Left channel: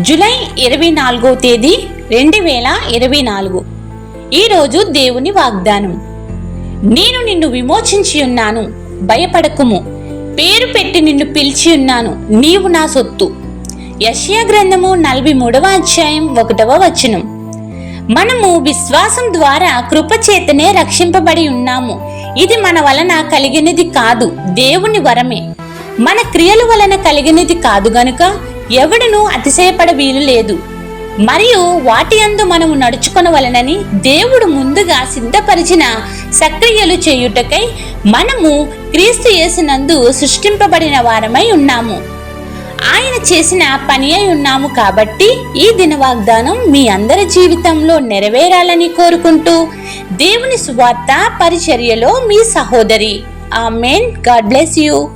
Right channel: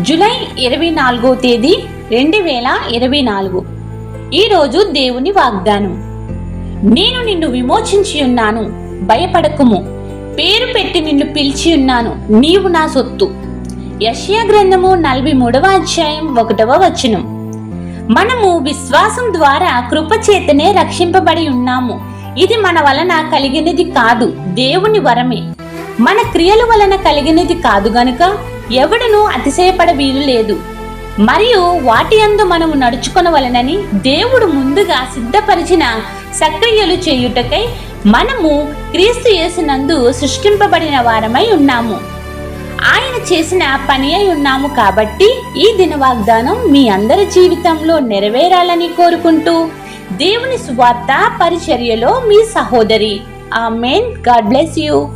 July ఇరవై నాలుగో తేదీ రెండు వేల ఇరవై నాలుగు. ఈరోజు దేవుని వాగ్దానం. నేను నిన్ను విమోచించి ఉన్నాను భయపడకుము. పేరు పెట్టి నిన్ను పిలిచి ఉన్నాను నీవు నా సొత్తు. యష్యా గ్రంథము నలభై మూడవ అధ్యాయం ఒకటవ వచనం. మనము విశ్వాసం ద్వారా కృపచేతనే రక్షింపబడి ఉన్నాము. ఇది మన వలన కలిగినది కాదు దేవుని వరమే. మన క్రియల వలన కలిగినది కాదు గనుక ఎవడును అతిశయపడ వీలు లేదు మరియు వాటి అందు మనము నడుచుకొనవలనని దేవుడు ముందుగా సిద్ధపరిచిన సక్రియలు చేయుటకై మనము క్రీస్తు యేసునందు సృష్టింపబడిన వారమై ఉన్నాము. ఆయన చేసిన పని అయి ఉన్నాము కాబట్టి ఈ దిన వాగ్దానం మీ అందరి జీవితంలో నెరవేరాలని కోరుకుంటూ దేవుని సువార్త పరిచర్యలో మీ సహోదరి. ఆమెన్. God bless you.